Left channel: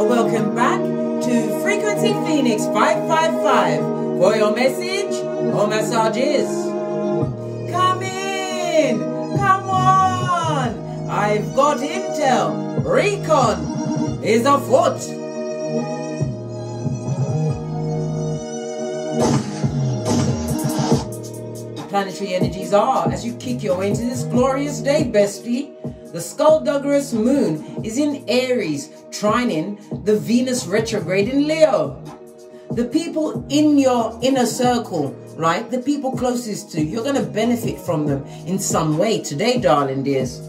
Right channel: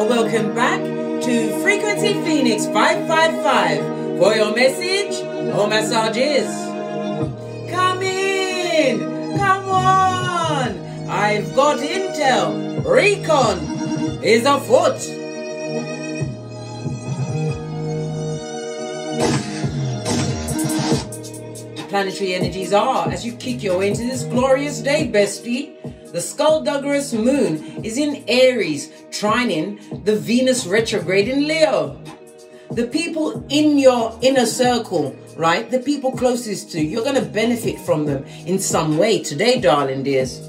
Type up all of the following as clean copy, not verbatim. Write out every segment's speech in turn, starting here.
Welcome back to Frequency Phoenix 555 for your message or messages. Come in, come on. I've got intel. Recon is afoot. Planetary energies are as you kick your way into this glorious day, bestie. The Skullduggerous moon is in Aries, trining the Venus retrograde in Leo. The people in your inner circle, right? The people closest to you, you're going to benefit from them in some way today, darling dears.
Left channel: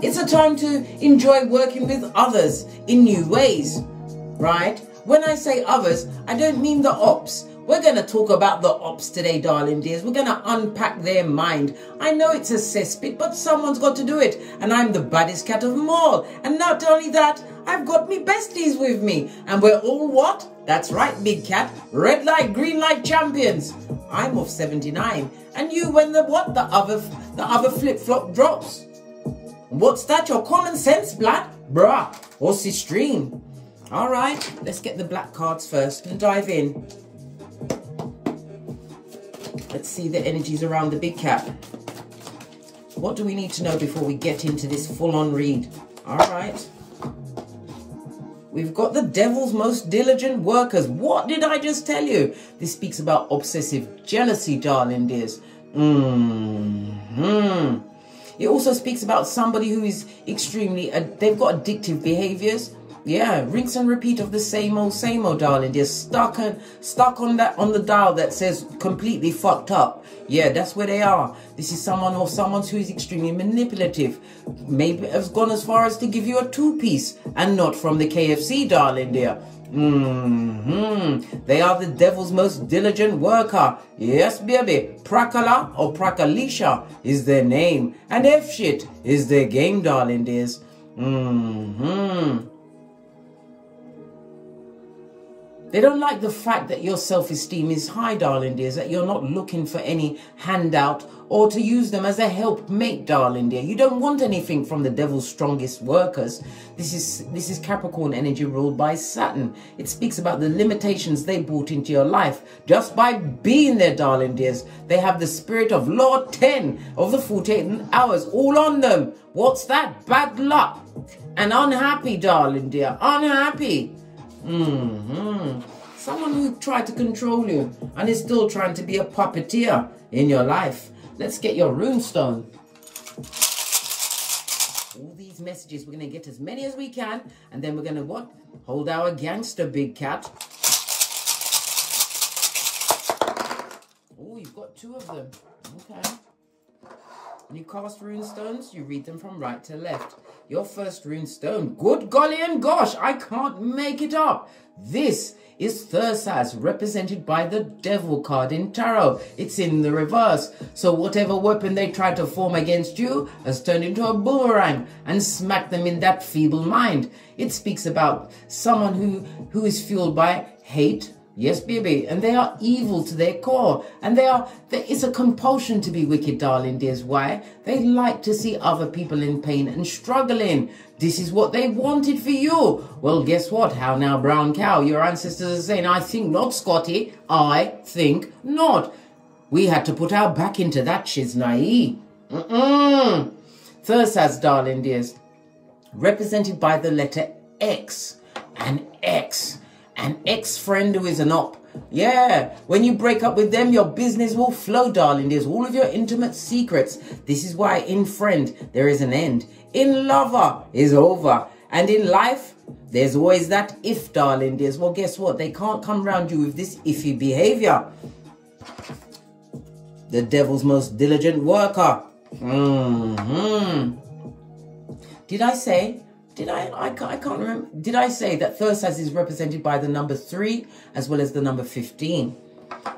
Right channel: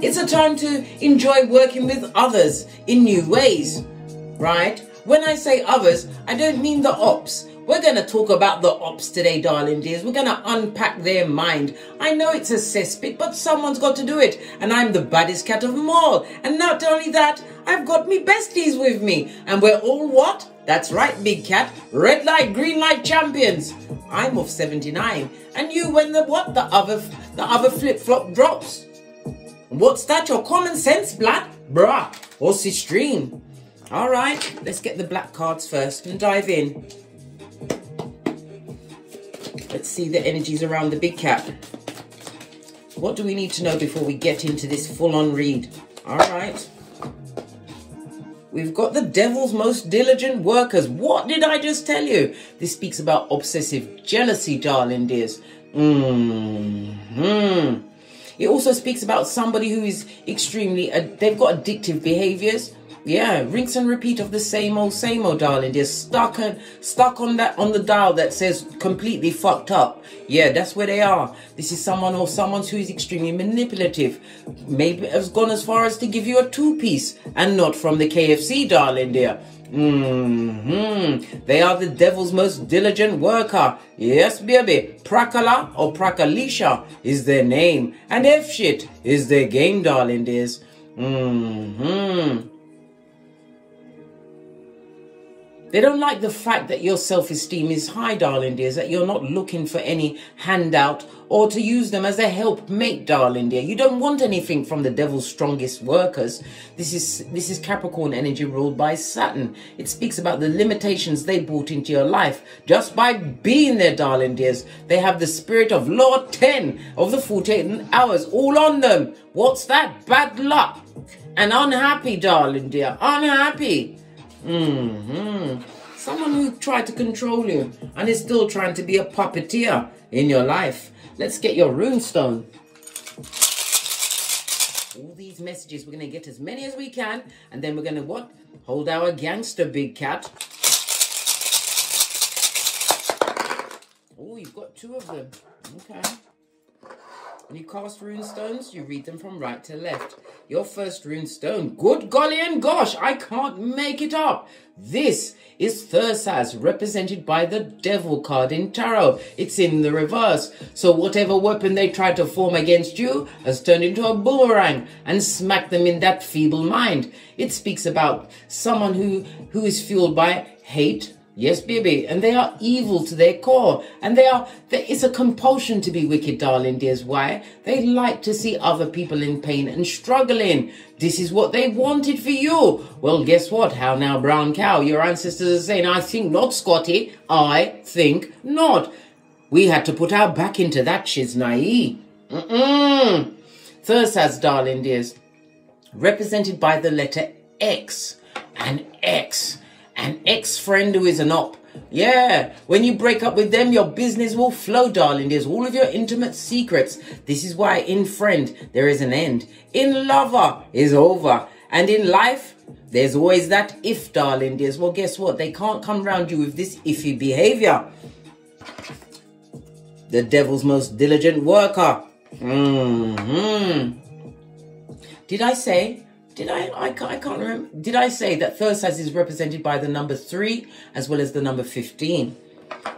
It's a time to enjoy working with others in new ways, right? When I say others, I don't mean the ops. We're going to talk about the ops today, darling dears. We're going to unpack their mind. I know it's a cesspit, but someone's got to do it. And I'm the baddest cat of them all. And not only that, I've got me besties with me. And we're all what? That's right, big cat. Red light, green light champions. I'm of 79. And you when the what? The other flip-flop drops. What's that? Your common sense, black? Bruh. What's this stream? All right, let's get the black cards first and dive in. Let's see the energies around the big cat. What do we need to know before we get into this full-on read? All right. We've got the devil's most diligent workers. What did I just tell you? This speaks about obsessive jealousy, darling dears. It also speaks about somebody who is extremely, they've got addictive behaviors. Yeah, rinse and repeat of the same old, darling. They're stuck on the dial that says completely fucked up. Yeah, that's where they are. This is someone who is extremely manipulative. Maybe has gone as far as to give you a two-piece and not from the KFC, darling dear. They are the devil's most diligent worker. Yes, baby. Prakala or Prakalisha is their name. And F-shit is their game, darling dears. They don't like the fact that your self-esteem is high, darling dears, that you're not looking for any handout or to use them as a helpmate, darling dear. You don't want anything from the devil's strongest workers. This is Capricorn energy ruled by Saturn. It speaks about the limitations they brought into your life just by being there, darling dears. They have the spirit of Lord 10 of the 48 hours all on them. What's that? Bad luck. And unhappy, darling dear. Unhappy. Someone who tried to control you and is still trying to be a puppeteer in your life. Let's get your runestone. All these messages, we're going to get as many as we can, and then we're going to what? Hold our gangster, big cat. Oh, you've got two of them. Okay. When you cast runestones, you read them from right to left. Your first runestone, good golly and gosh, I can't make it up. This is Thursaz, represented by the Devil card in Tarot. It's in the reverse. So whatever weapon they try to form against you has turned into a boomerang and smacked them in that feeble mind. It speaks about someone who is fueled by hate. Yes, baby, and they are evil to their core, and it's a compulsion to be wicked, darling dears. Why? They like to see other people in pain and struggling. This is what they wanted for you. Well, guess what? How now, brown cow? Your ancestors are saying, I think not, Scotty. I think not. We had to put our back into that shiznai. Thursaz, darling dears, represented by the letter X, an ex-friend who is an op. Yeah, when you break up with them, your business will flow, darling. There's all of your intimate secrets. This is why in friend, there is an end. In lover, is over. And in life, there's always that if, darling dears. Well, guess what? They can't come round you with this iffy behavior. The devil's most diligent worker. Did I say... I can't remember. Did I say that Thursaz is represented by the number 3 as well as the number 15?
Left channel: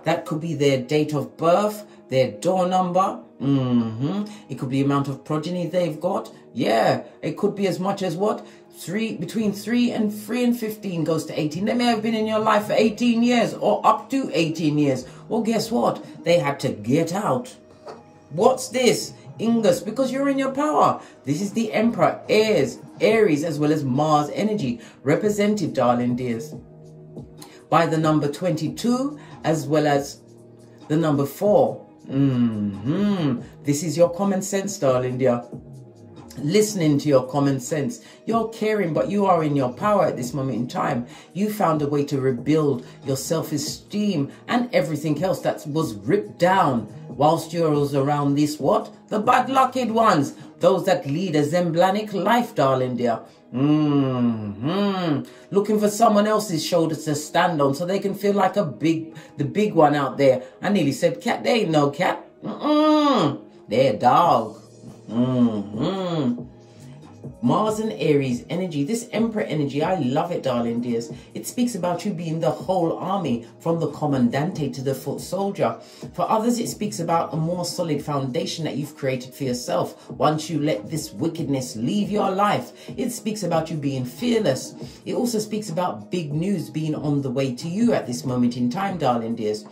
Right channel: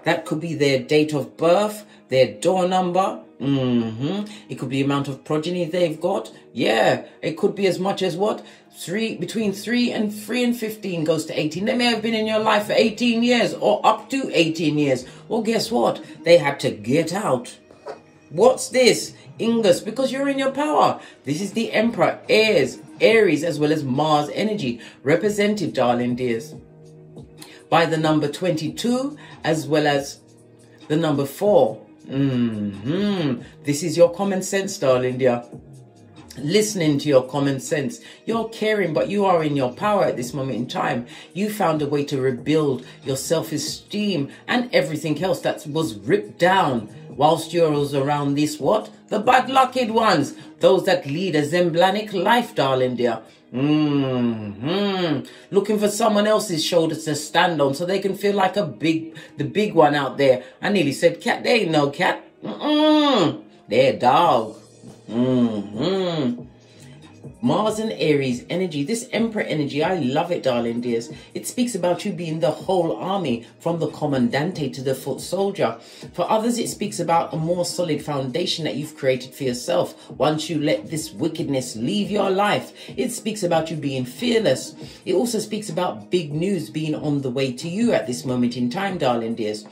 That could be their date of birth, their door number. It could be the amount of progeny they've got. Yeah, it could be as much as what? Between 3 and 15 goes to 18. They may have been in your life for 18 years or up to 18 years. Well, guess what? They had to get out. What's this? Ingus, because you're in your power. This is the Emperor, heirs, Aries, as well as Mars energy, represented, darling dears, by the number 22, as well as the number 4. This is your common sense, darling dear. Listening to your common sense. You're caring, but you are in your power at this moment in time. You found a way to rebuild your self-esteem and everything else that was ripped down whilst you was around this, what? The bad lucked ones. Those that lead a Zemblanic life, darling dear. Looking for someone else's shoulders to stand on so they can feel like the big one out there. I nearly said cat. They ain't no cat. They're a dog. Mars and Aries energy, this Emperor energy, I love it, darling dears. It speaks about you being the whole army, from the commandante to the foot soldier. For others, it speaks about a more solid foundation that you've created for yourself once you let this wickedness leave your life. It speaks about you being fearless. It also speaks about big news being on the way to you at this moment in time, darling dears.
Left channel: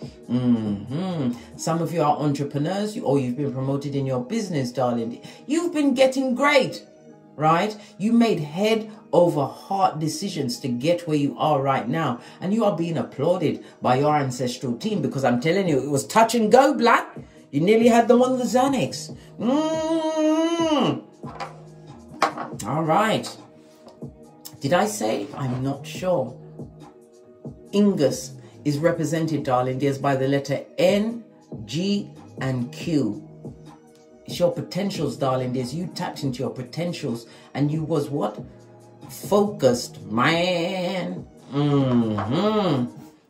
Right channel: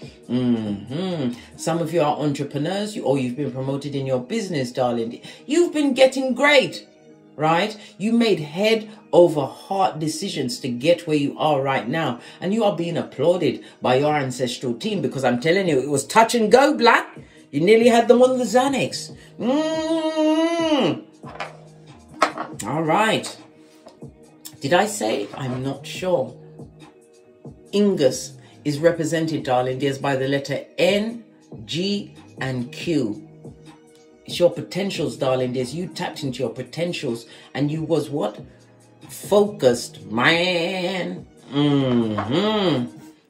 Some of you are entrepreneurs, or you've been promoted in your business, darling. You've been getting great. Right? You made head over heart decisions to get where you are right now. And you are being applauded by your ancestral team, because I'm telling you, it was touch and go, Black. You nearly had them on the Xanax. All right. Did I say? I'm not sure. Ingus is represented, darling dears, by the letter N, G, and Q. It's your potentials, darling dears. You tapped into your potentials and you was what? Focused, man.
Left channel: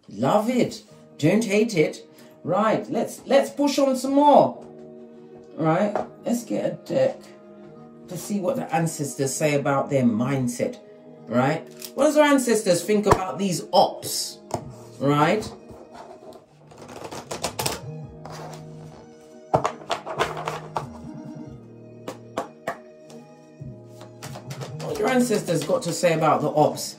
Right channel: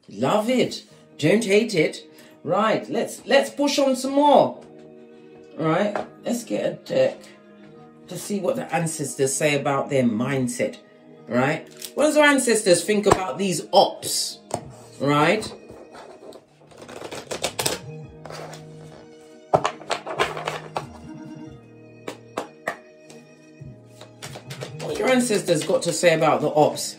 Love it. Don't hate it. Right, let's push on some more. Right, let's get a deck to see what the ancestors say about their mindset. Right, what does our ancestors think about these ops? Right. What your ancestors got to say about the ops?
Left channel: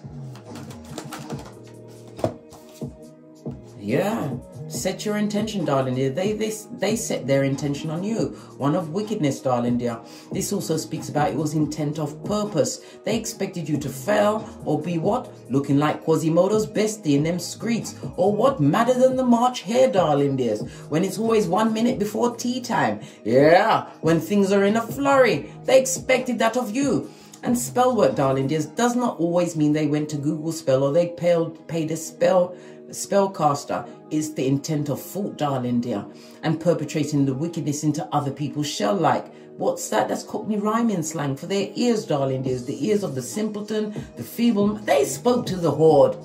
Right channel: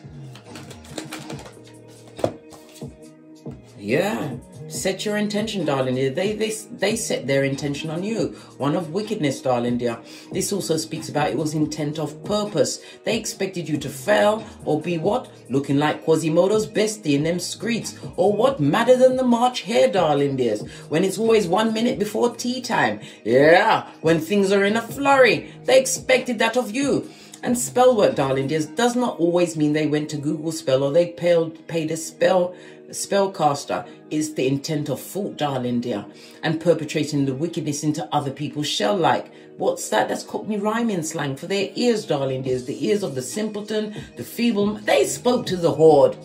Yeah, set your intention, darling dear. They set their intention on you. One of wickedness, darling dear. This also speaks about it was intent of purpose. They expected you to fail or be what? Looking like Quasimodo's bestie in them streets. Or what? Madder than the March hare, darling dears. When it's always 1 minute before tea time. Yeah, when things are in a flurry. They expected that of you. And spell work, darling dears, does not always mean they went to Google Spell or they paid a spellcaster. Is the intent of fault, darling dear, and perpetrating the wickedness into other people's shell like. What's that? That's Cockney rhyming slang for their ears, darling dears. The ears of the simpleton, the feeble. They spoke to the horde,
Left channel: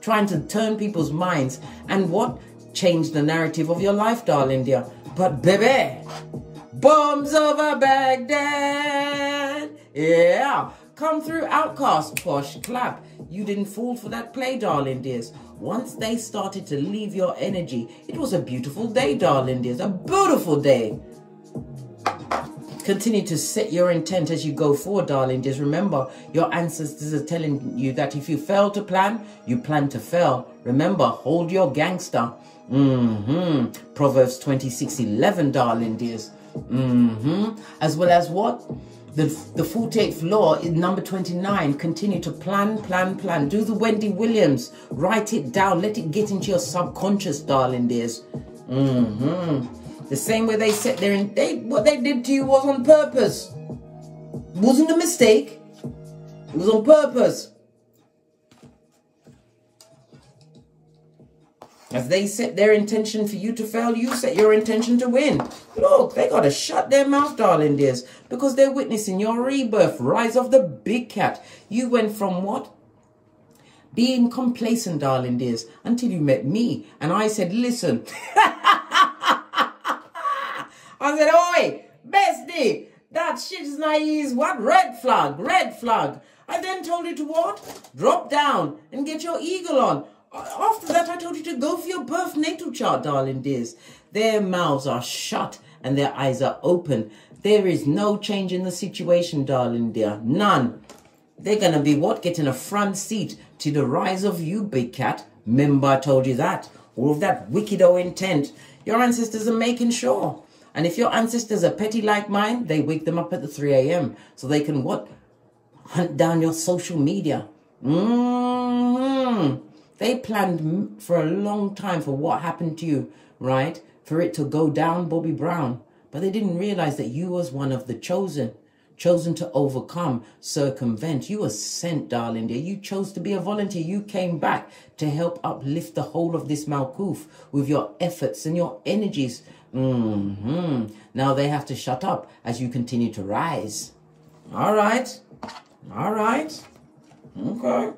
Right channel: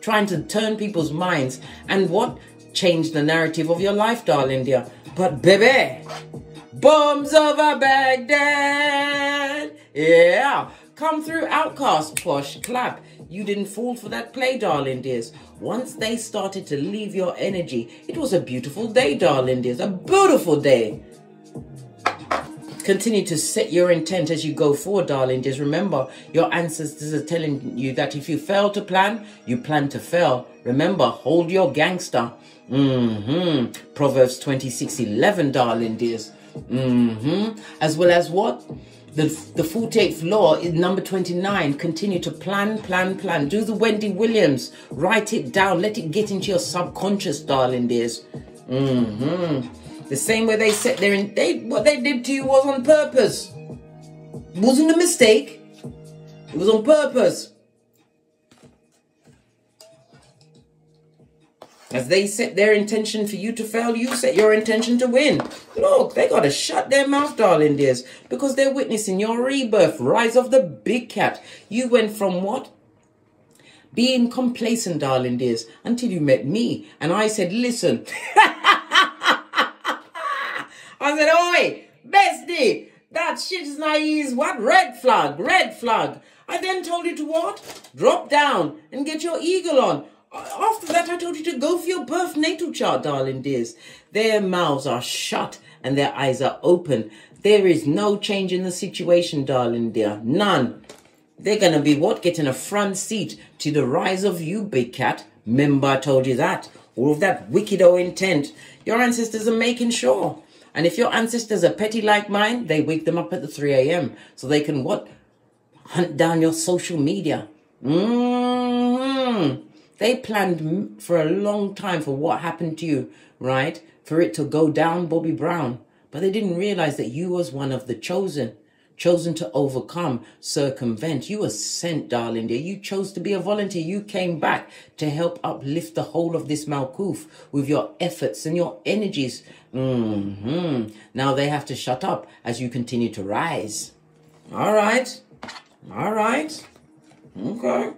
trying to turn people's minds and what? Change the narrative of your life, darling dear. But baby, bombs over Baghdad. Yeah, come through, outcast, posh, clap. You didn't fall for that play, darling dears. Once they started to leave your energy, it was a beautiful day, darling dears. A beautiful day. Continue to set your intent as you go forward, darling dears. Remember, your ancestors are telling you that if you fail to plan, you plan to fail. Remember, hold your gangster. Proverbs 26:11, darling dears. As well as what? The 48th law is number 29. Continue to plan. Do the Wendy Williams. Write it down. Let it get into your subconscious, darling dears. The same way they set their... what they did to you was on purpose. It wasn't a mistake. It was on purpose. As they set their intention for you to fail, you set your intention to win. Look, they got to shut their mouth, darling dears, because they're witnessing your rebirth, rise of the big cat. You went from what? Being complacent, darling dears, until you met me. And I said, listen. I said, oi, bestie, that shit is naive. What? Red flag, red flag. I then told you to what? Drop down and get your eagle on. After that, I told you to go for your birth natal chart, darling dears. Their mouths are shut and their eyes are open. There is no change in the situation, darling dear. None. They're going to be what? Getting a front seat to the rise of you, big cat. Remember, I told you that. All of that wicked intent. Your ancestors are making sure. And if your ancestors are petty like mine, they wake them up at the 3 a.m. so they can what? hunt down your social media. They planned for a long time for what happened to you, right? For it to go down Bobby Brown. But they didn't realize that you was one of the chosen to overcome, circumvent. You were sent, darling dear. You chose to be a volunteer. You came back to help uplift the whole of this Malkuth with your efforts and your energies. Now they have to shut up as you continue to rise. All right. All right. Okay.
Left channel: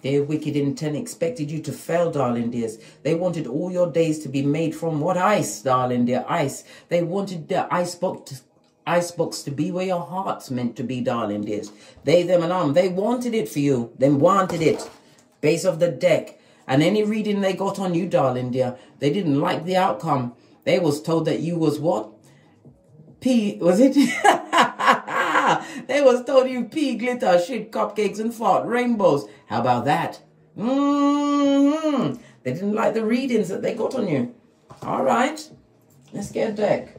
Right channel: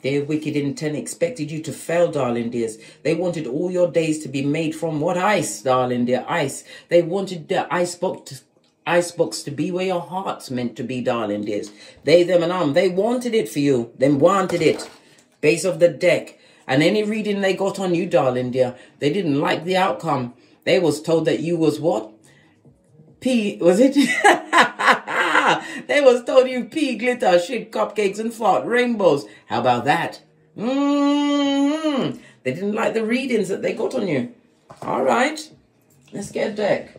Their wicked intent expected you to fail, darling dears. They wanted all your days to be made from what ice, darling dear? Ice. They wanted the icebox to be where your heart's meant to be, darling dears. They, them, and they wanted it for you. They wanted it. Base of the deck. And any reading they got on you, darling dear, they didn't like the outcome. They was told that you was what? Was it? They was told you pee, glitter, shit, cupcakes, and fart, rainbows. How about that? They didn't like the readings that they got on you. All right. Let's get a deck.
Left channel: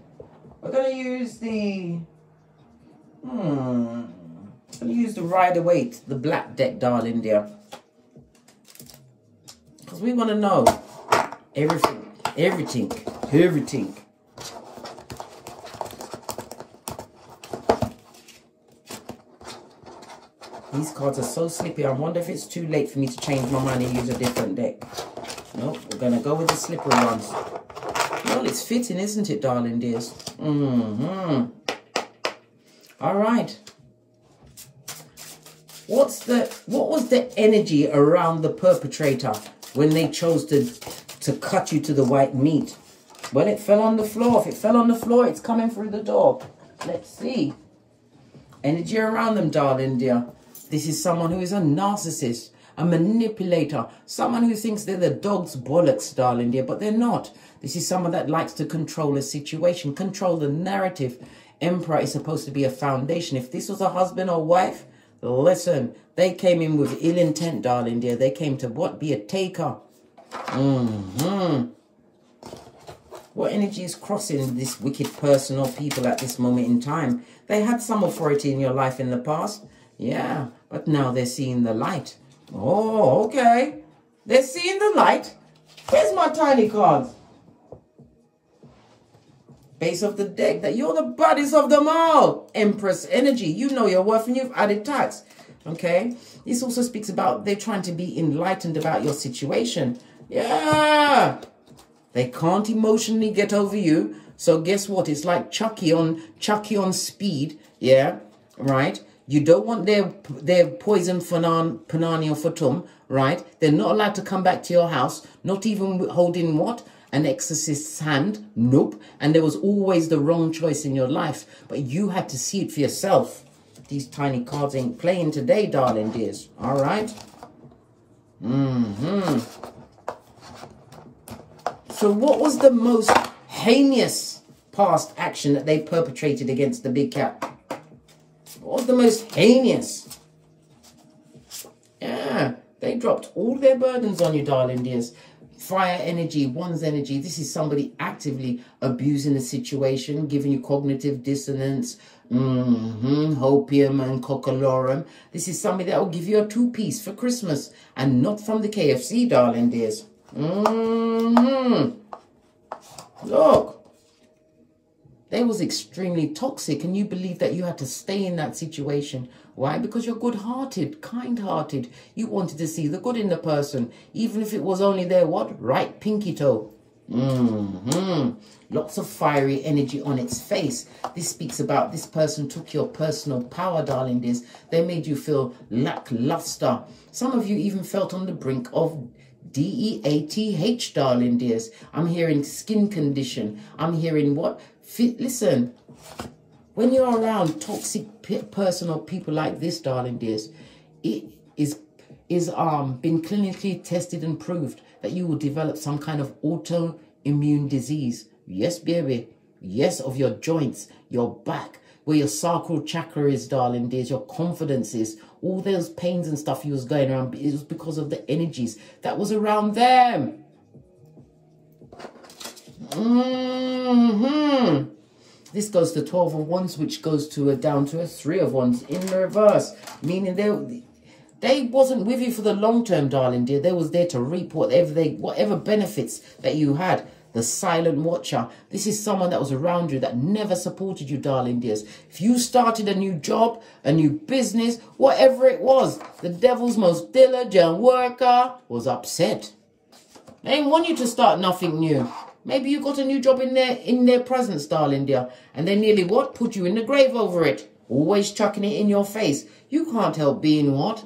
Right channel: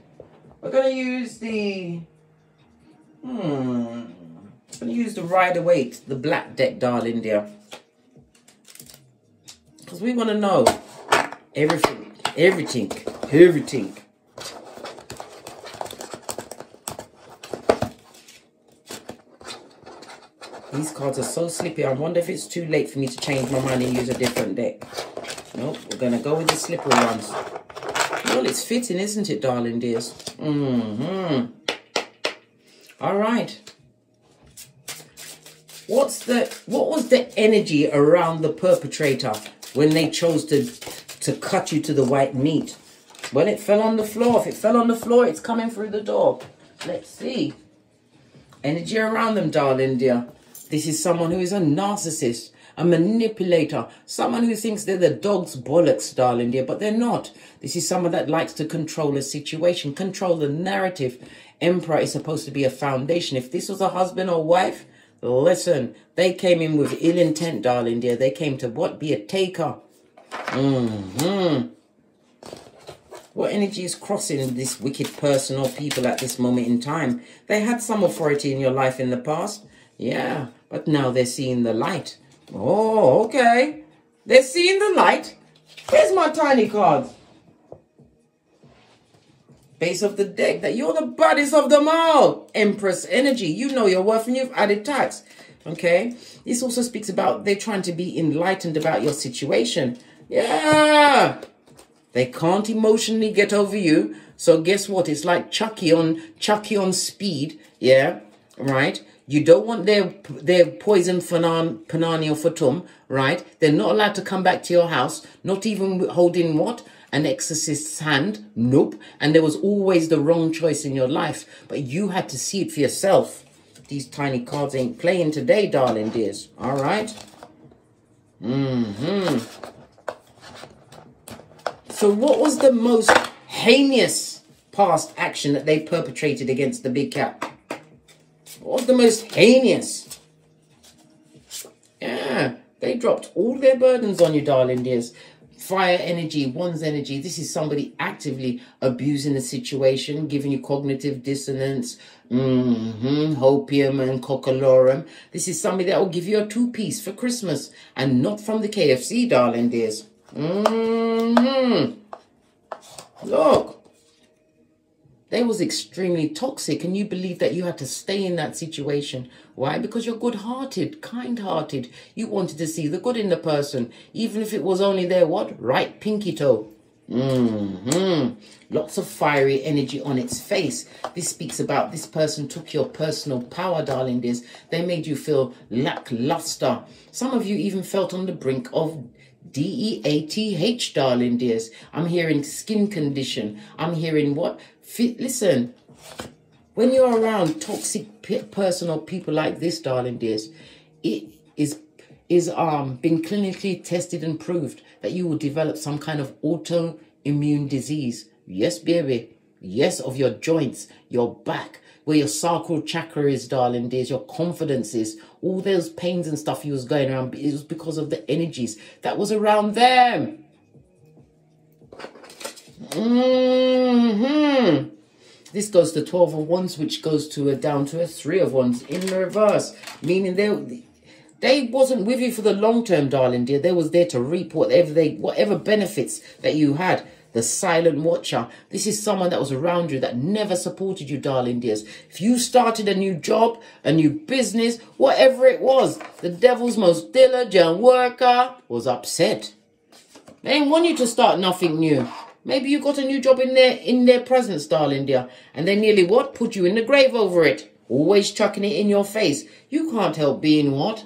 We're going to use the... I'm going to use the Rider-Waite, the black deck, darling dear. Because we want to know everything. These cards are so slippy. I wonder if it's too late for me to change my mind and use a different deck. Nope, we're going to go with the slippery ones. Well, it's fitting, isn't it, darling dears? All right. What was the energy around the perpetrator when they chose to cut you to the white meat? Well, it fell on the floor. If it fell on the floor, it's coming through the door. Let's see. Energy around them, darling dear. This is someone who is a narcissist, a manipulator, someone who thinks they're the dog's bollocks, darling dear, but they're not. This is someone that likes to control a situation, control the narrative. Emperor is supposed to be a foundation. If this was a husband or wife, listen, they came in with ill intent, darling dear. They came to what? Be a taker. What energy is crossing this wicked person or people at this moment in time? They had some authority in your life in the past. Yeah, but now they're seeing the light. Oh, okay. They're seeing the light. Here's my tiny cards. Base of the deck, that you're the baddest of them all. Empress energy. You know your worth and you've added tax. Okay. This also speaks about they're trying to be enlightened about your situation. Yeah. They can't emotionally get over you. So guess what? It's like Chucky on speed. Yeah. Right. You don't want their poison panani or fatum, right? They're not allowed to come back to your house, not even holding what? An exorcist's hand. Nope. And there was always the wrong choice in your life, but you had to see it for yourself. These tiny cards ain't playing today, darling dears. All right? So what was the most heinous past action that they perpetrated against the big cat? What was the most heinous? Yeah, they dropped all their burdens on you, darling dears. Fire energy, one's energy. This is somebody actively abusing the situation, giving you cognitive dissonance, hopium and cockalorum. This is somebody that will give you a two-piece for Christmas and not from the KFC, darling dears. Look. They was extremely toxic, and you believe that you had to stay in that situation. Why? Because you're good-hearted, kind-hearted. You wanted to see the good in the person, even if it was only their what? Right pinky toe. Lots of fiery energy on its face. This speaks about this person took your personal power, darling dears. They made you feel lackluster. Some of you even felt on the brink of DEATH, darling dears. I'm hearing skin condition. I'm hearing what? Listen, when you're around toxic person or people like this, darling dears, it is been clinically tested and proved that you will develop some kind of autoimmune disease. Yes, baby. Yes, of your joints, your back, where your sacral chakra is, darling dears, your confidence is. All those pains and stuff you was going around, it was because of the energies that was around them. This goes to 12 of Wands, which goes to down to a 3 of Wands in reverse, meaning they wasn't with you for the long term, darling dear. They was there to reap whatever benefits that you had. The silent watcher. This is someone that was around you that never supported you, darling dears. If you started a new job, a new business, whatever it was, the devil's most diligent worker was upset. They didn't want you to start nothing new. Maybe you got a new job in their presence, darling dear, and they nearly what? Put you in the grave over it. Always chucking it in your face. You can't help being what?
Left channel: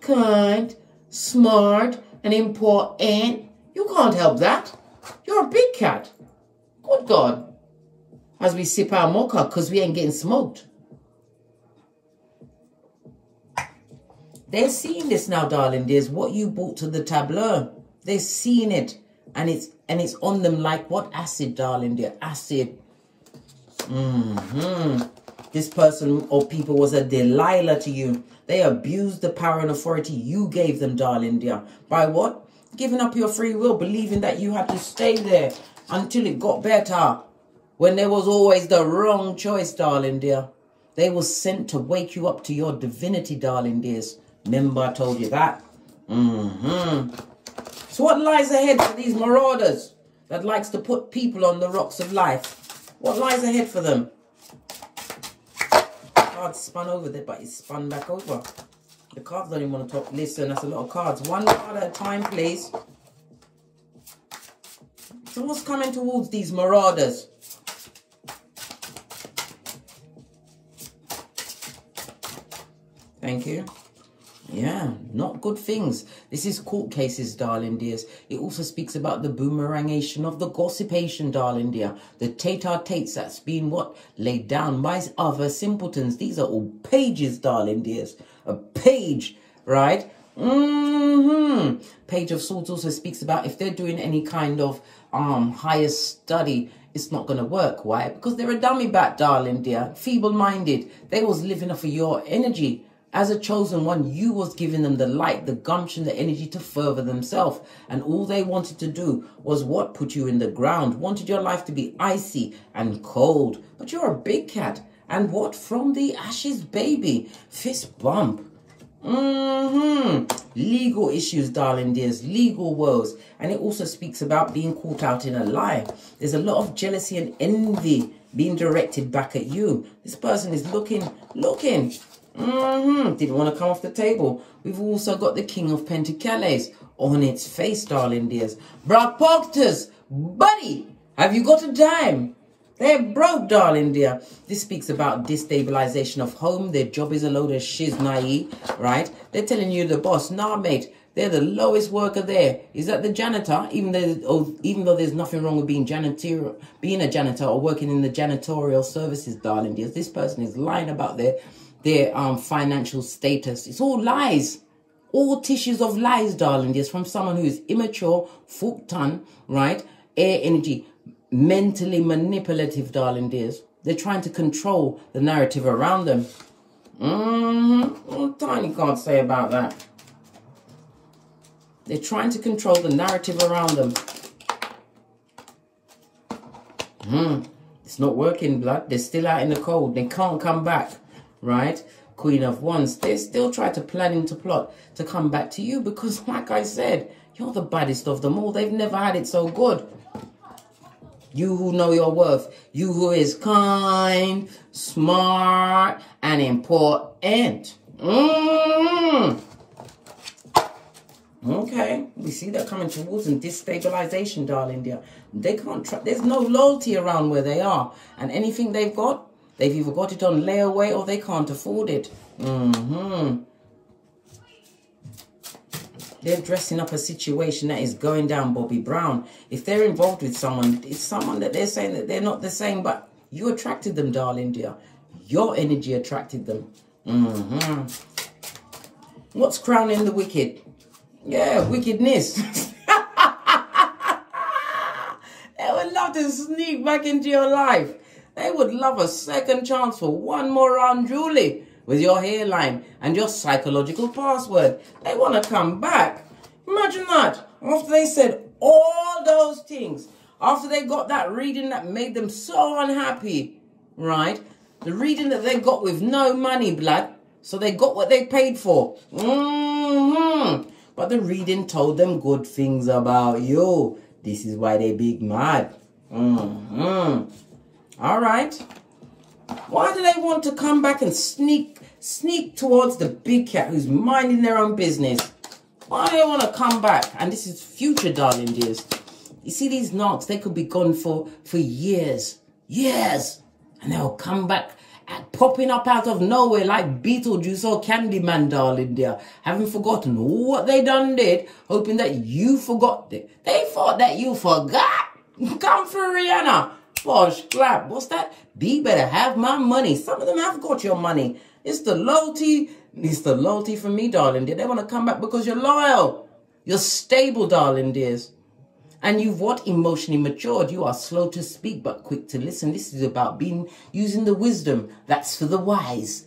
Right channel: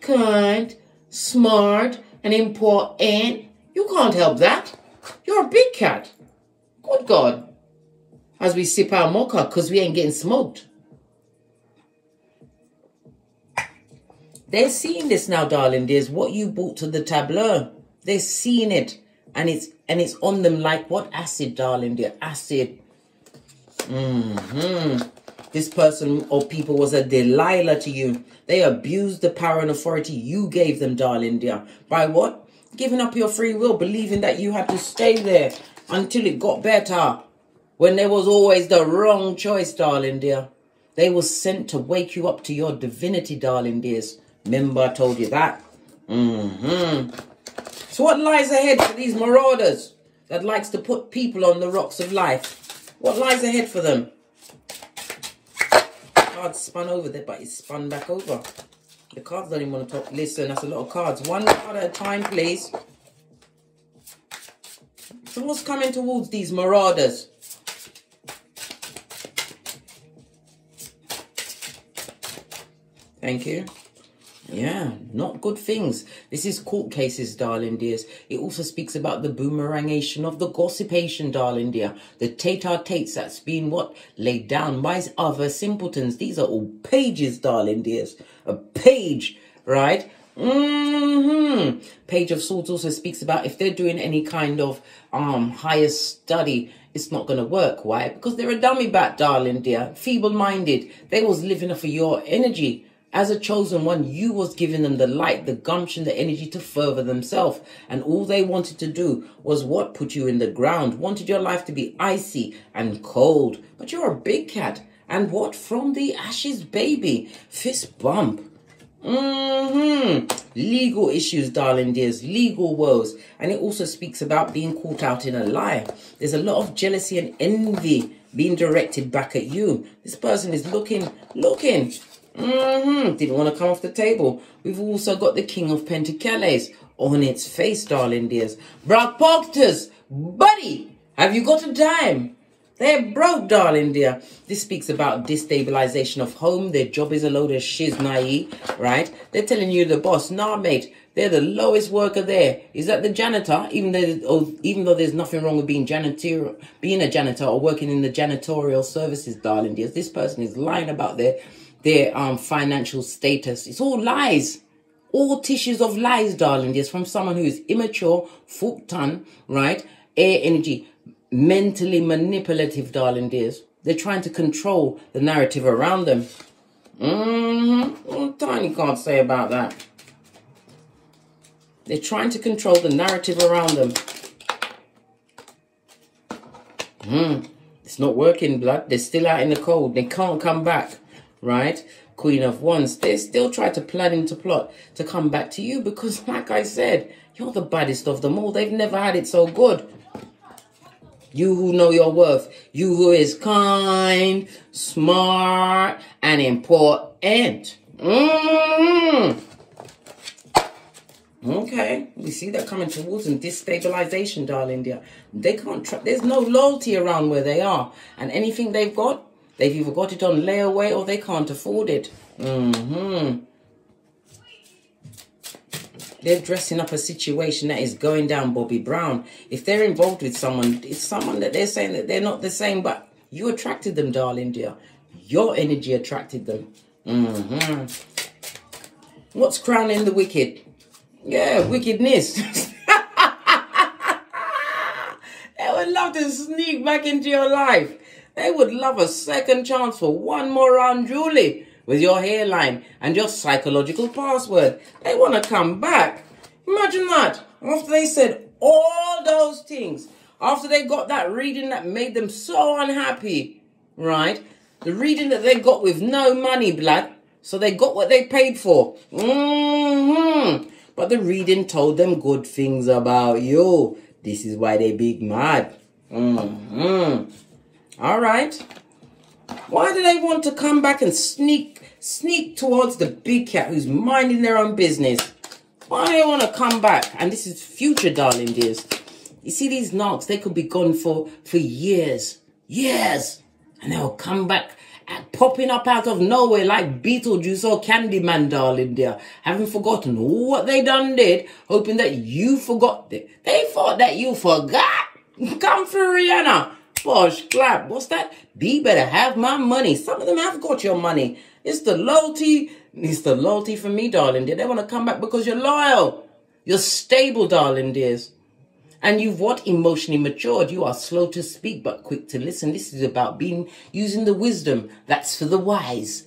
Kind, smart, and important. You can't help that. You're a big cat. Good God. As we sip our mocha because we ain't getting smoked. They're seeing this now, darling. There's what you brought to the tableau. They're seeing it. And it's on them like what? Acid, darling dear. Acid. This person or people was a Delilah to you. They abused the power and authority you gave them, darling dear. By what? Giving up your free will, believing that you had to stay there until it got better. When there was always the wrong choice, darling dear. They were sent to wake you up to your divinity, darling dears. Remember I told you that? So what lies ahead for these marauders that likes to put people on the rocks of life? What lies ahead for them? Card spun over there, but it's spun back over. The cards don't even want to talk. Listen, that's a lot of cards. One card at a time, please. So what's coming towards these marauders? Thank you. Yeah, not good things. This is court cases, darling dears. It also speaks about the boomerangation of the gossipation, darling dear. The tate-a-tates that's been what? Laid down by other simpletons. These are all pages, darling dears. A page, right? Page of Swords also speaks about if they're doing any kind of higher study, it's not going to work. Why? Because they're a dummy bat, darling dear. Feeble-minded. They was living off of your energy. As a chosen one, you was giving them the light, the gumption, the energy to further themselves. And all they wanted to do was what? Put you in the ground. Wanted your life to be icy and cold. But you're a big cat. And what? From the ashes, baby. Fist bump. Legal issues, darling dears. Legal woes. And it also speaks about being caught out in a lie. There's a lot of jealousy and envy being directed back at you. This person is looking. Didn't want to come off the table. We've also got the King of Pentacles on its face, darling dears. Brock Proctors, buddy, have you got a dime? They're broke, darling dear. This speaks about destabilization of home. Their job is a load of shiznai, right? They're telling you the boss, nah, mate, they're the lowest worker there. Is that the janitor? Even though there's nothing wrong with being a janitor or working in the janitorial services, darling dears. This person is lying about their financial status. It's all lies. All tissues of lies, darling dears, from someone who is immature, full-ton, right? Air energy. Mentally manipulative, darling dears. They're trying to control the narrative around them. Tiny can't say about that. They're trying to control the narrative around them. It's not working, blood. They're still out in the cold. They can't come back, right? Queen of Wands. They still try to plan into plot to come back to you because, like I said, you're the baddest of them all. They've never had it so good. You who know your worth. You who is kind, smart, and important. Okay. We see that coming towards them. Destabilization, darling dear. They can't there's no loyalty around where they are. And anything they've got, they've either got it on layaway or they can't afford it. They're dressing up a situation that is going down, Bobby Brown. If they're involved with someone, it's someone that they're saying that they're not the same, but you attracted them, darling dear. Your energy attracted them. What's crowning the wicked? Yeah, wickedness. They would love to sneak back into your life. They would love a second chance for one more round, Julie. With your hairline and your psychological password. They want to come back. Imagine that. After they said all those things. After they got that reading that made them so unhappy, right? The reading that they got with no money, blood. So they got what they paid for. But the reading told them good things about you. This is why they big mad. All right. Why do they want to come back and sneak towards the big cat who's minding their own business? Why do they want to come back? And this is future, darling dears. You see these knocks, they could be gone for years. Years. And they'll come back popping up out of nowhere like Beetlejuice or Candyman, darling dear. Having forgotten what they done did, hoping that you forgot it. They thought that you forgot. Come through, Rihanna. Posh clap. What's that? Be better have my money. Some of them have got your money. It's the loyalty. It's the loyalty for me, darling dear. They want to come back because you're loyal. You're stable, darling dears. And you've what? Emotionally matured. You are slow to speak but quick to listen. This is about using the wisdom. That's for the wise.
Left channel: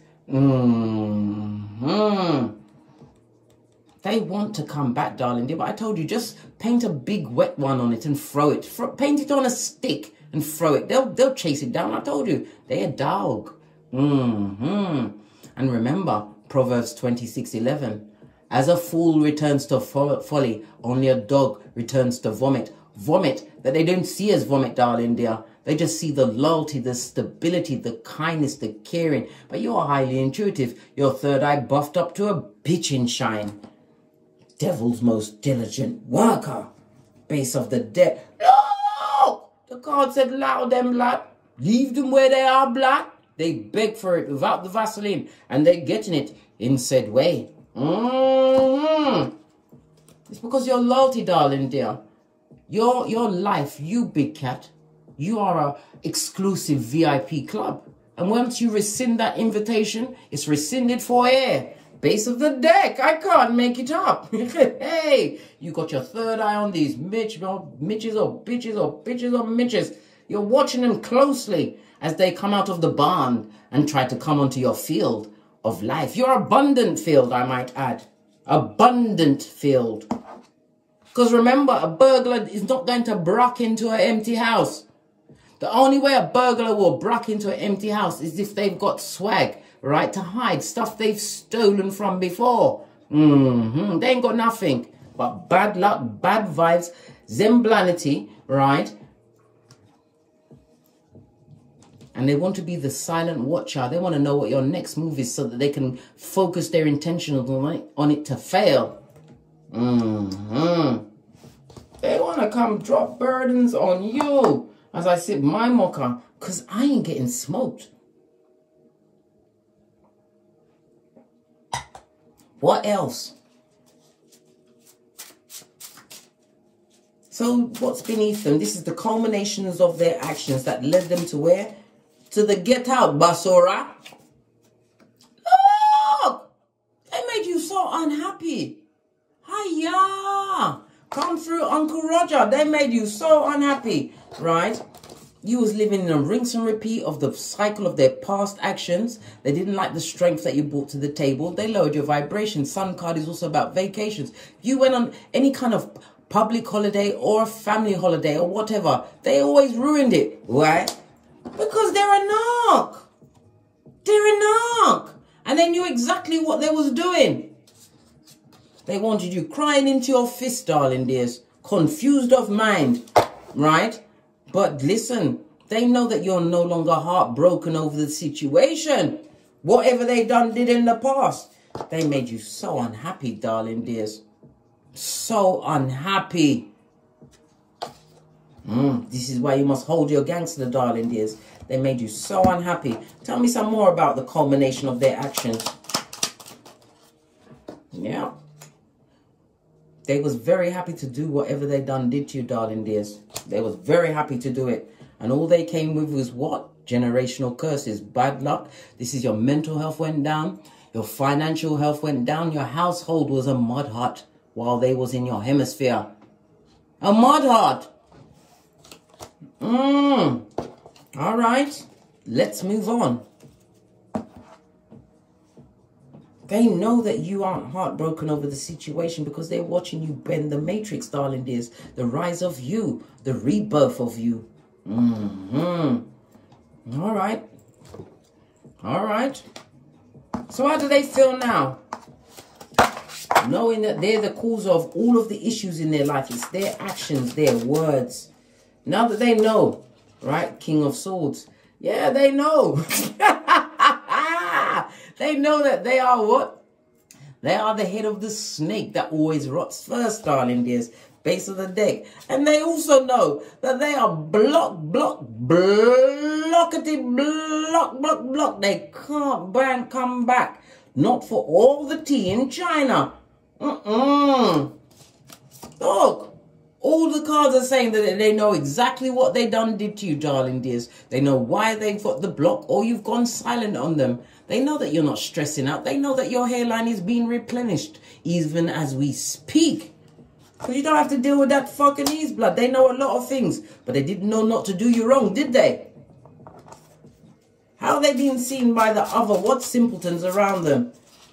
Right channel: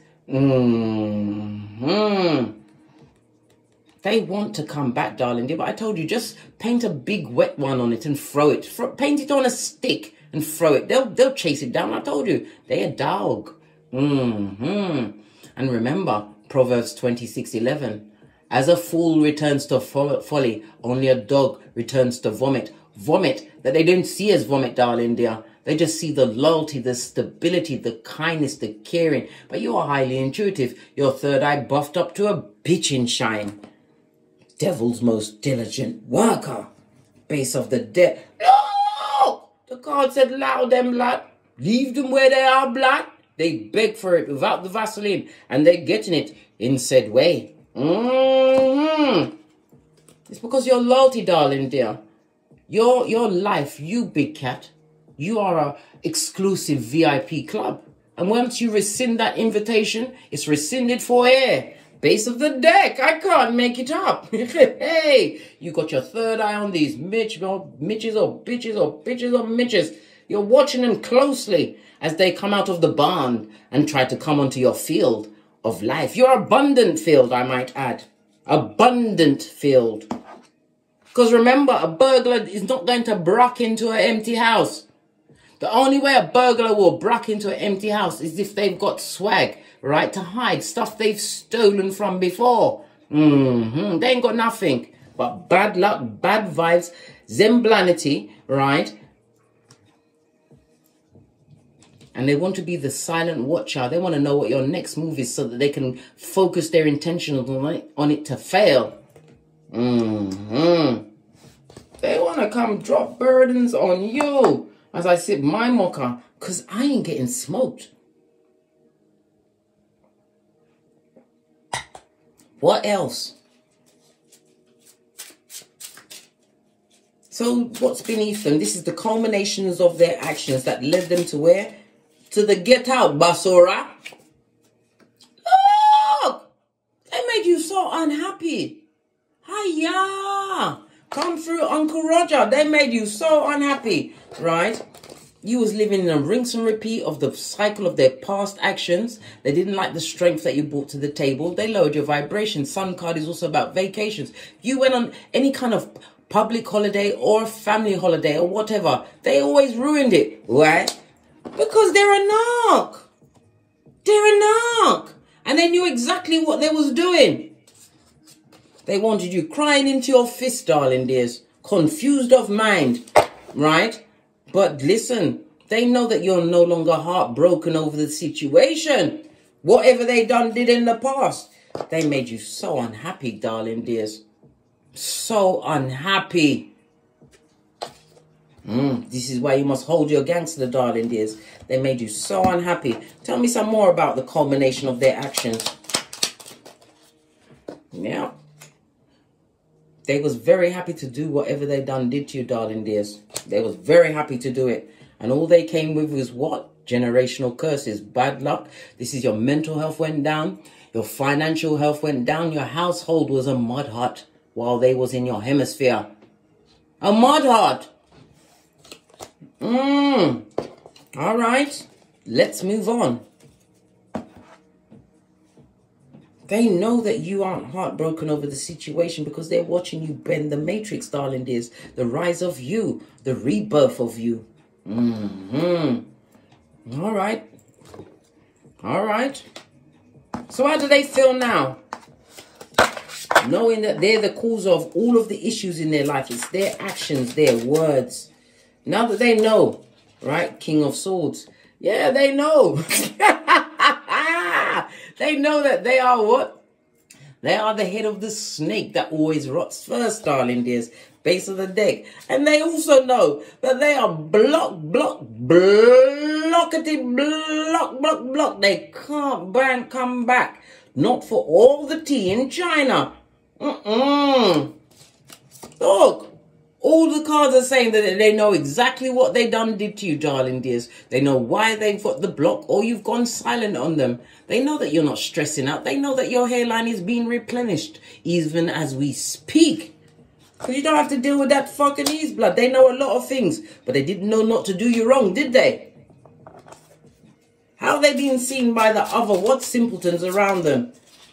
They want to come back, darling dear. But I told you, just paint a big wet one on it and throw it. Paint it on a stick and throw it. They'll chase it down. I told you, they're a dog. And remember, Proverbs 26:11. As a fool returns to folly, only a dog returns to vomit. Vomit that they don't see as vomit, darling dear. They just see the loyalty, the stability, the kindness, the caring. But you are highly intuitive. Your third eye buffed up to a bitchin' shine. Devil's most diligent worker. Base of the dead. No! The card said, allow them, blood. Leave them where they are, blood. They beg for it without the Vaseline. And they're getting it in said way. It's because your loyalty, darling dear. Your life, you big cat. You are a exclusive VIP club. And once you rescind that invitation, it's rescinded for air. Base of the deck. I can't make it up. Hey, you got your third eye on these mitches or bitches or mitches. You're watching them closely as they come out of the barn and try to come onto your field of life. Your abundant field, I might add. Abundant field. Because remember, a burglar is not going to break into an empty house. The only way a burglar will break into an empty house is if they've got swag, right, to hide stuff they've stolen from before. They ain't got nothing but bad luck, bad vibes, zemblanity, right? And they want to be the silent watcher. They want to know what your next move is so that they can focus their intention on it to fail. They want to come drop burdens on you as I sip my mocha because I ain't getting smoked. What else? So what's beneath them? This is the culminations of their actions that led them to where? To the get out, Basura. Look! They made you so unhappy. Hiya! Come through, Uncle Roger. They made you so unhappy, right? You was living in a rinse and repeat of the cycle of their past actions. They didn't like the strength that you brought to the table. They lowered your vibration. Sun card is also about vacations. You went on any kind of public holiday or family holiday or whatever. They always ruined it. Why? Because they're a narc. They're a narc. And they knew exactly what they was doing. They wanted you crying into your fist, darling dears. Confused of mind. Right? But listen, they know that you're no longer heartbroken over the situation. Whatever they did in the past. They made you so unhappy, darling dears. So unhappy. This is why you must hold your gangster, darling dears. They made you so unhappy. Tell me some more about the culmination of their actions. Yeah. They was very happy to do whatever they did to you, darling dears. They was very happy to do it. And all they came with was what? Generational curses, bad luck. This is your mental health went down. Your financial health went down. Your household was a mud hut while they was in your hemisphere. A mud hut. All right. Let's move on. They know that you aren't heartbroken over the situation because they're watching you bend the matrix, darling dears. The rise of you, the rebirth of you. All right. All right. So how do they feel now? Knowing that they're the cause of all of the issues in their life. It's their actions, their words. Now that they know, right? King of Swords. Yeah, they know. They know that they are what? They are the head of the snake that always rots first, darling dears. Base of the deck. And they also know that they are blockety, block. They can't come back. Not for all the tea in China. Look. All the cards are saying that they know exactly what they did to you, darling dears. They know why they've got the block or you've gone silent on them. They know that you're not stressing out. They know that your hairline is being replenished even as we speak. Because you don't have to deal with that fucking ease blood. They know a lot of things, but they didn't know not to do you wrong, did they? How are they being seen by the other? What simpletons around them?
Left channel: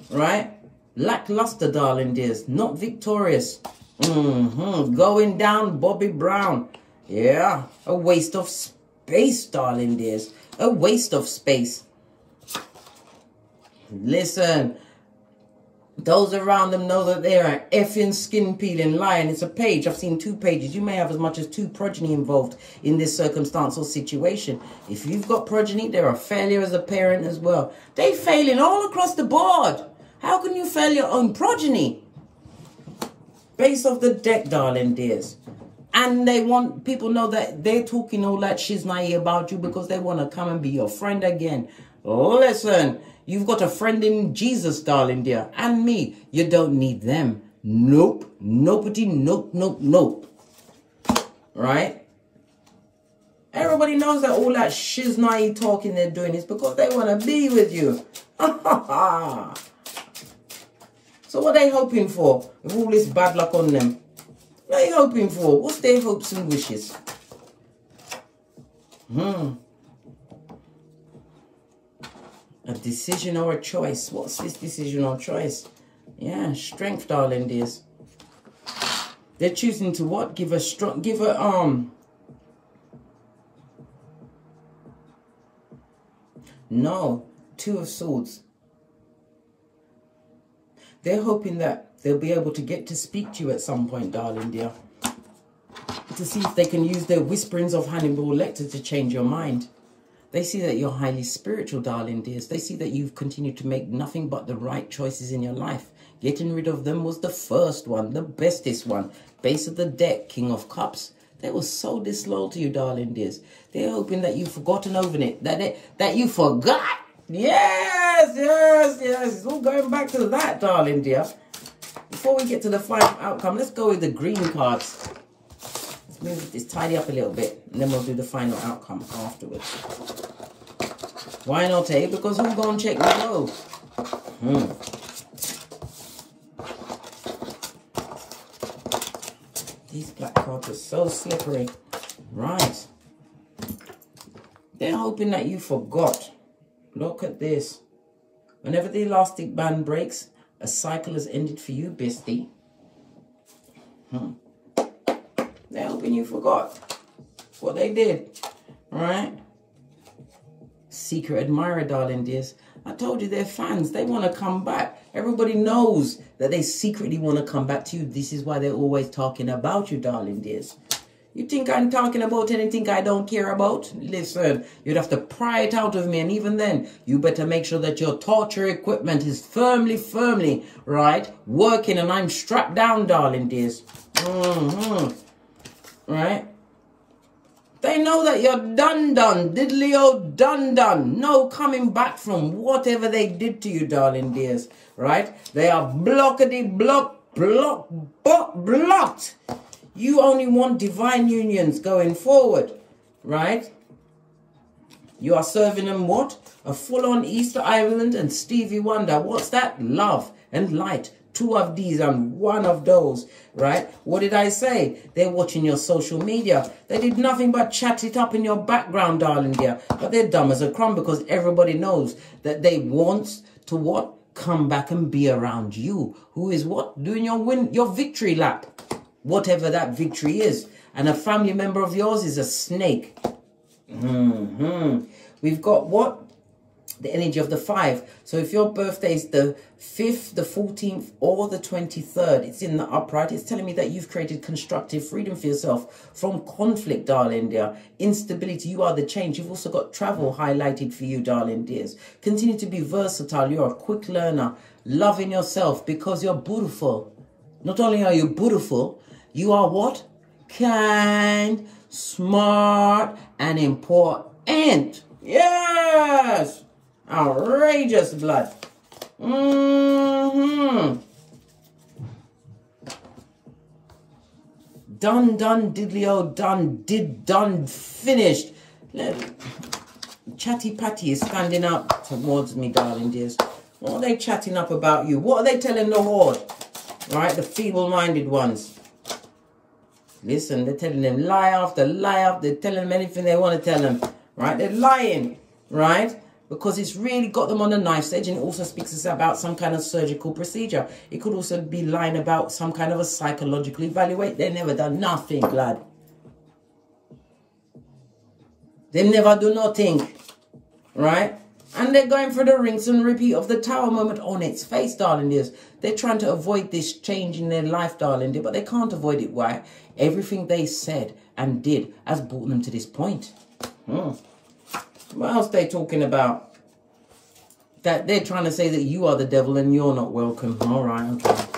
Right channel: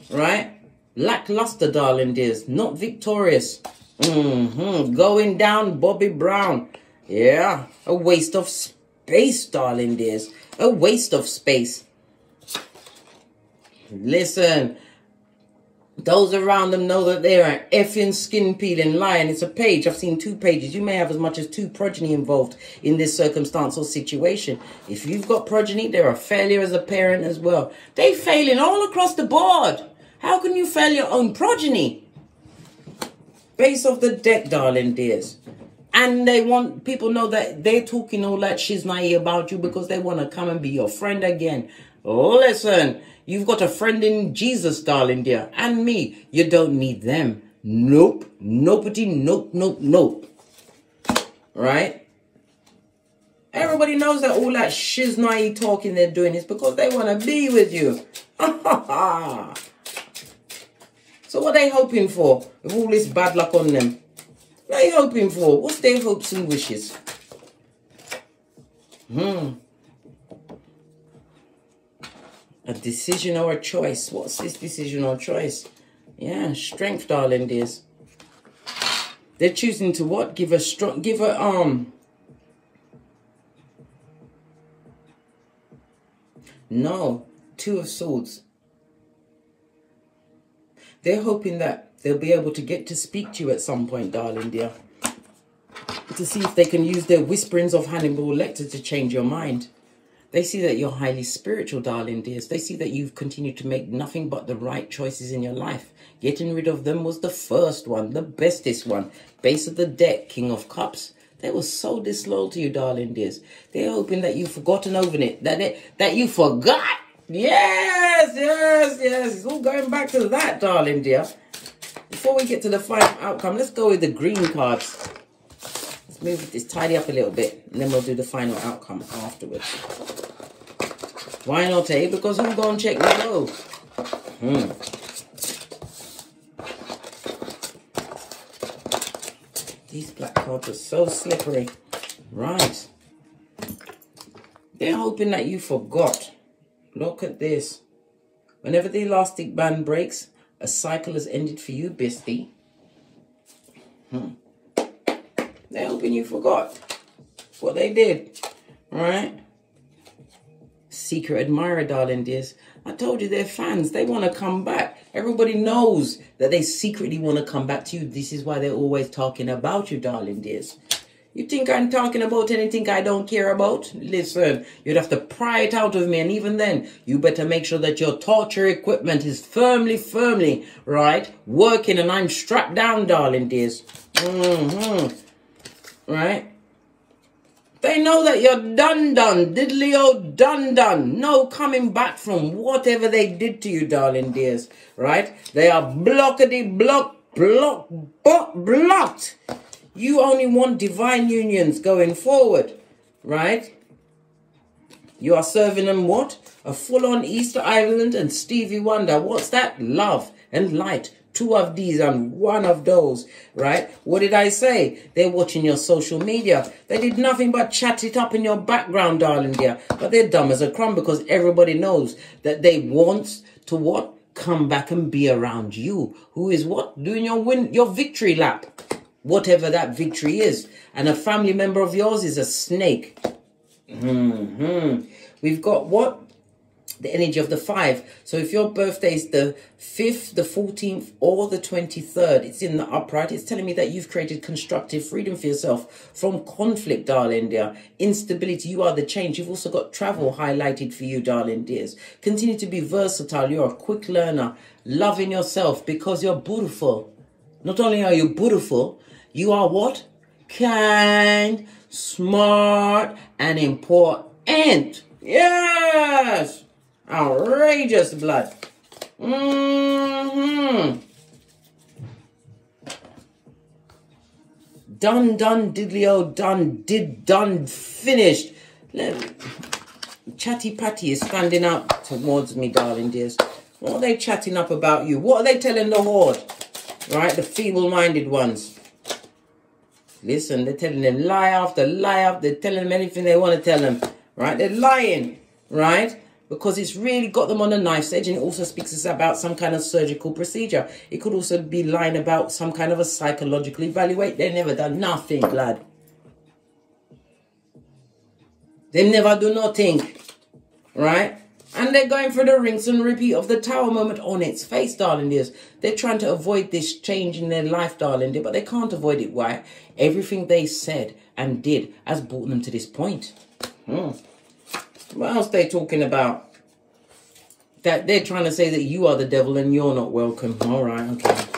Right? Lackluster, darling dears. Not victorious. Going down, Bobby Brown. Yeah, a waste of space, darling dears. A waste of space. Listen, those around them know that they're an effing skin peeling lion. It's a page. I've seen 2 pages. You may have as much as 2 progeny involved in this circumstance or situation. If you've got progeny, they're a failure as a parent as well. They're failing all across the board. How can you fail your own progeny? Base of the deck, darling dears. And they want people know that they're talking all that shiznai about you because they want to come and be your friend again. Listen, you've got a friend in Jesus, darling dear. And me. You don't need them. Nope. Nobody. Nope. Right? Everybody knows that all that shiznai talking they're doing is because they want to be with you. So what are they hoping for with all this bad luck on them? What are they hoping for? What's their hopes and wishes? A decision or a choice. What's this decision or choice? Yeah, strength, darling dears. They're choosing to what? Give a No, 2 of Swords. They're hoping that they'll be able to get to speak to you at some point, darling dear. To see if they can use their whisperings of Hannibal Lecter to change your mind. They see that you're highly spiritual, darling dears. They see that you've continued to make nothing but the right choices in your life. Getting rid of them was the first one, the bestest one. Base of the deck, King of Cups. They were so disloyal to you, darling dears. They're hoping that you've forgotten over it, that you forgot. Yes. It's all going back to that, darling dear. Before we get to the final outcome, let's go with the green cards. Let's move this, tidy up a little bit, and then we'll do the final outcome afterwards. Why not, eh? Because who's going to check me low? These black cards are so slippery. Right. They're hoping that you forgot. Look at this. Whenever the elastic band breaks, a cycle has ended for you, bestie. They're hoping you forgot what they did. Right? Secret admirer, darling dears. I told you they're fans. They want to come back. Everybody knows that they secretly want to come back to you. This is why they're always talking about you, darling dears. You think I'm talking about anything I don't care about? Listen, you'd have to pry it out of me. And even then, you better make sure that your torture equipment is firmly, right, working. And I'm strapped down, darling dears. Right? They know that you're done, diddly-o, done. No coming back from whatever they did to you, darling dears. Right? They are blocked. You only want divine unions going forward, right? You are serving them what? A full-on Easter Island and Stevie Wonder. What's that? Love and light. 2 of these and 1 of those, right? What did I say? They're watching your social media. They did nothing but chat it up in your background, darling dear. But they're dumb as a crumb because everybody knows that they want to what? come back and be around you, who is what? Doing your victory lap, whatever that victory is. And a family member of yours is a snake. We've got what? The energy of the 5. So if your birthday is the 5th, the 14th, or the 23rd, it's in the upright. It's telling me that you've created constructive freedom for yourself from conflict, darling dear. Instability, you are the change. You've also got travel highlighted for you, darling dears. Continue to be versatile. You're a quick learner. Loving yourself because you're beautiful. Not only are you beautiful, you are what? Kind, smart, and important. Yes! Outrageous blood. Done, diddly-o, done, finished. Chatty Patty is standing up towards me, darling dears. What are they chatting up about you? What are they telling the horde? Right, the feeble-minded ones. Listen, they're telling them lie after lie. They're telling them anything they want to tell them. Right, they're lying. Right? Because it's really got them on a knife edge, and it also speaks about some kind of surgical procedure. It could also be lying about some kind of a psychological evaluate. They've never done nothing, lad. They never do nothing. Right? And they're going through the rinse and repeat of the Tower moment on its face, darling dears. They're trying to avoid this change in their life, darling dear, but they can't avoid it. Why? Everything they said and did has brought them to this point. What else they talking about? That they're trying to say that you are the devil and you're not welcome. All right, okay.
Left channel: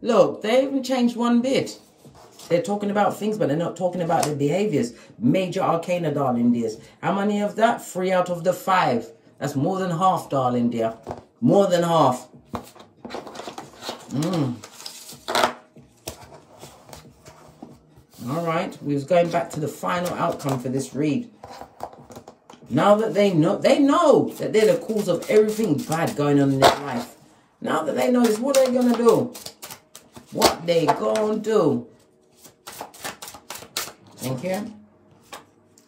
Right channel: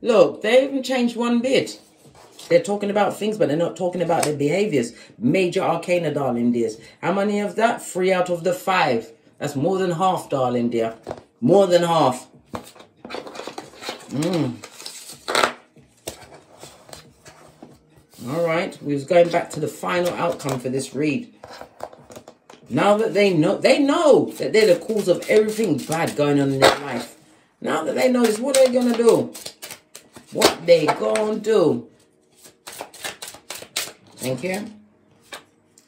Look, they haven't changed one bit. They're talking about things, but they're not talking about their behaviors. Major arcana, darling dears. How many of that? 3 out of the 5. That's more than half, darling dear. More than half. All right, we was going back to the final outcome for this read. Now that they know that they're the cause of everything bad going on in their life. Now that they know this, what are they going to do? What they going to do? Thank you.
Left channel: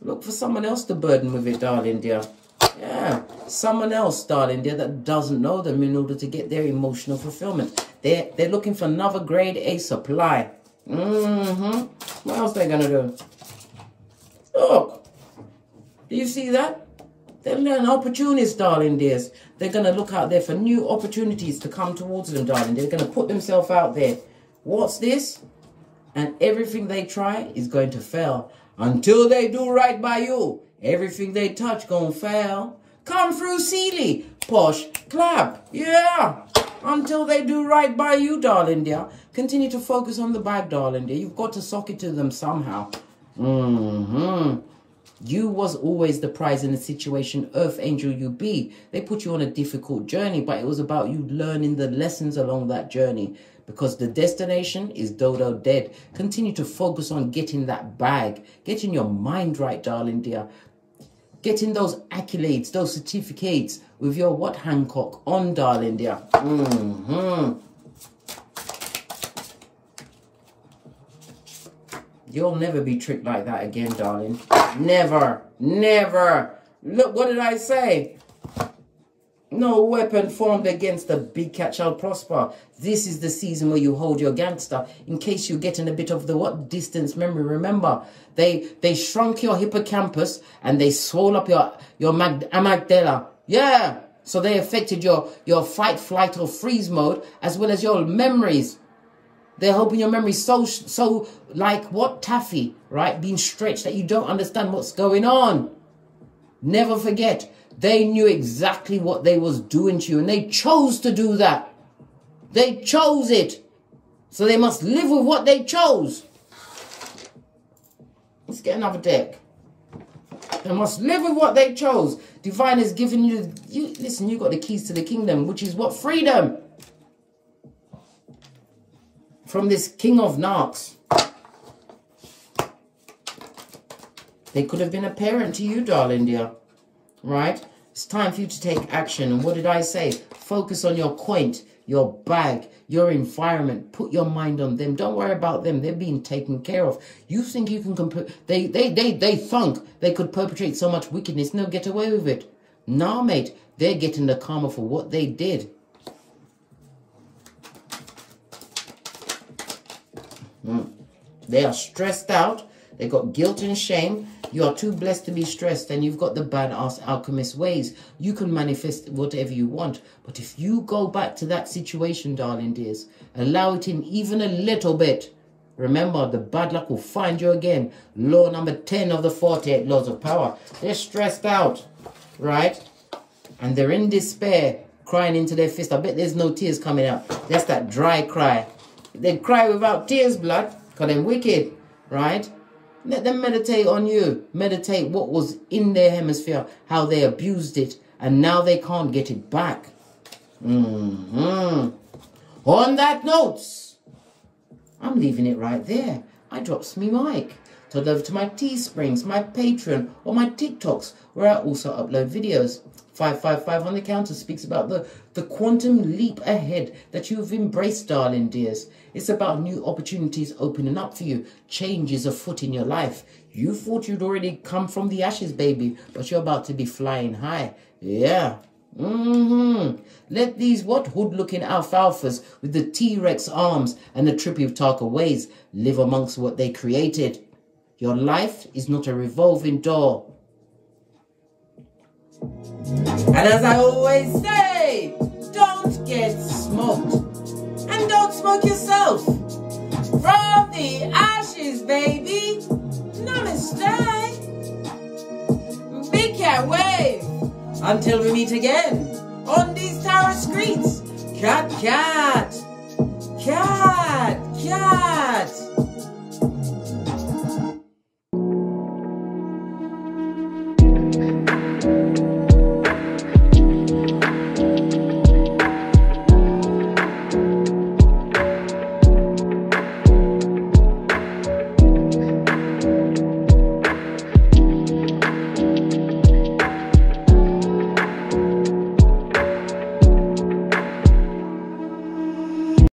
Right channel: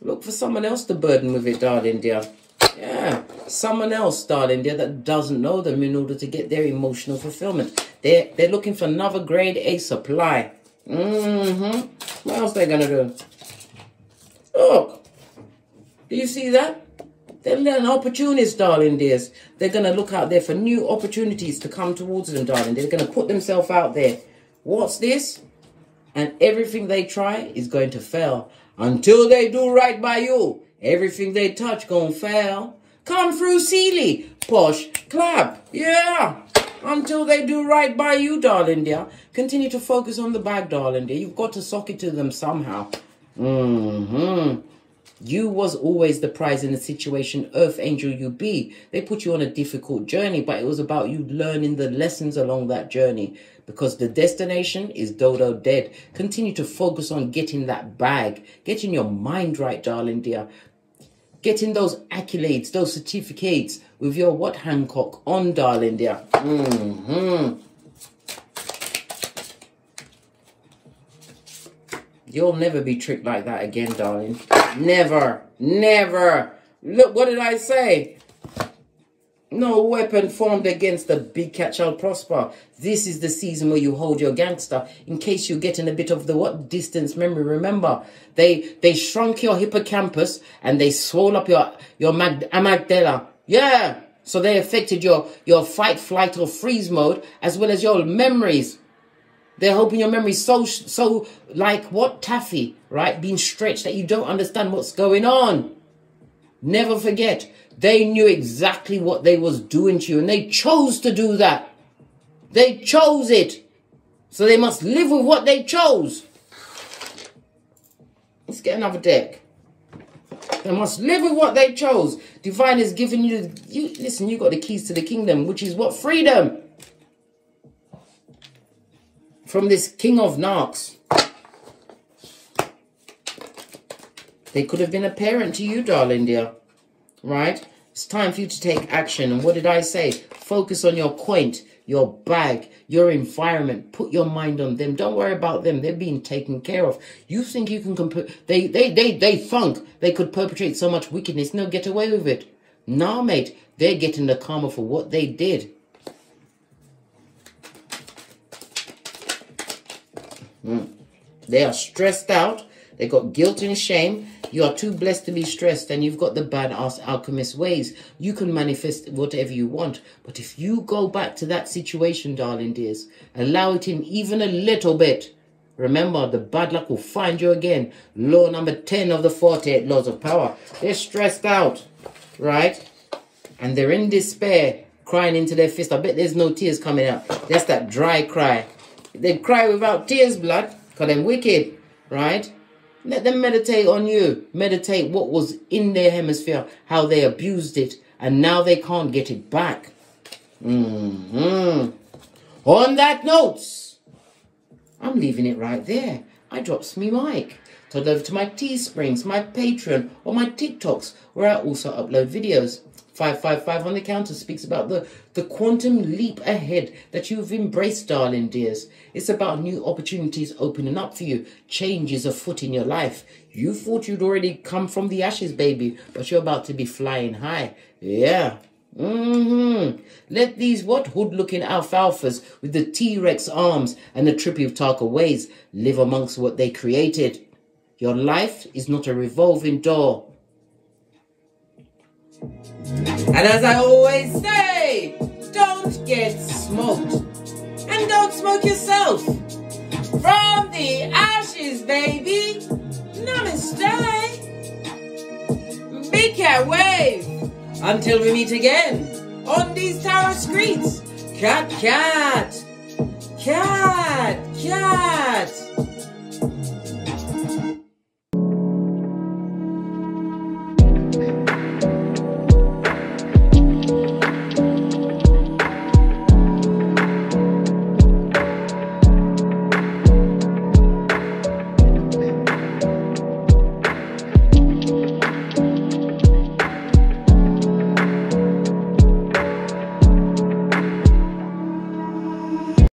Look for someone else to burden with it, darling dear. Yeah, someone else, darling dear, that doesn't know them in order to get their emotional fulfillment. They're looking for another grade A supply. What else are they going to do? Look. Do you see that? They're an opportunist, darling dears. They're going to look out there for new opportunities to come towards them, darling. They're going to put themselves out there. What's this? And everything they try is going to fail. Until they do right by you, everything they touch gonna fail. Come through, Sealy. Posh, clap. Yeah. Until they do right by you, darling dear. Continue to focus on the bag, darling dear. You've got to sock it to them somehow. You was always the prize in the situation, Earth Angel you be. They put you on a difficult journey, but it was about you learning the lessons along that journey. Because the destination is dodo dead. Continue to focus on getting that bag. Getting your mind right, darling dear. Getting those accolades, those certificates with your what, Hancock on, darling dear. You'll never be tricked like that again, darling. Never. Never. Look, what did I say? No weapon formed against the big cat shall prosper. This is the season where you hold your gangster. In case you're getting a bit of the what distance memory. Remember, they shrunk your hippocampus and they swole up your amygdala. Yeah. So they affected your fight, flight, or freeze mode, as well as your memories. They're hoping your memory's so like what, taffy, right? Being stretched that you don't understand what's going on. Never forget, they knew exactly what they was doing to you, and they chose to do that. They chose it. So they must live with what they chose. Let's get another deck. They must live with what they chose. Divine has given you, listen, you got the keys to the kingdom, which is what? Freedom. From this king of narcs. They could have been a parent to you, darling dear. Right? It's time for you to take action. And what did I say? Focus on your quaint, your bag, your environment. Put your mind on them. Don't worry about them. They're being taken care of. You think you can they think they could perpetrate so much wickedness, no, get away with it. Nah, mate, they're getting the karma for what they did. They are stressed out. They got guilt and shame. You are too blessed to be stressed, and you've got the badass alchemist ways. You can manifest whatever you want. But if you go back to that situation, darling dears, allow it in even a little bit, remember, the bad luck will find you again. Law number 10 of the 48 laws of power. They're stressed out, right? And they're in despair, crying into their fist. I bet there's no tears coming out. That's that dry cry. They cry without tears, blood, because they're wicked, right? Let them meditate on you. Meditate what was in their hemisphere, how they abused it, and now they can't get it back. On that note, I'm leaving it right there. I drops me mic. Turn over to my Teesprings, my Patreon, or my TikToks, where I also upload videos. 555 on the counter speaks about the quantum leap ahead that you've embraced, darling dears. It's about new opportunities opening up for you. Change is afoot in your life. You thought you'd already come from the ashes, baby, but you're about to be flying high. Yeah. Let these hood-looking alfalfas with the T-Rex arms and the trippy Utaka ways live amongst what they created. Your life is not a revolving door. And as I always say, don't get smoked. And don't smoke yourself. From the ashes, baby. Namaste. Big cat wave. Until we meet again on these Tarot streets. Cat, cat. Cat, cat.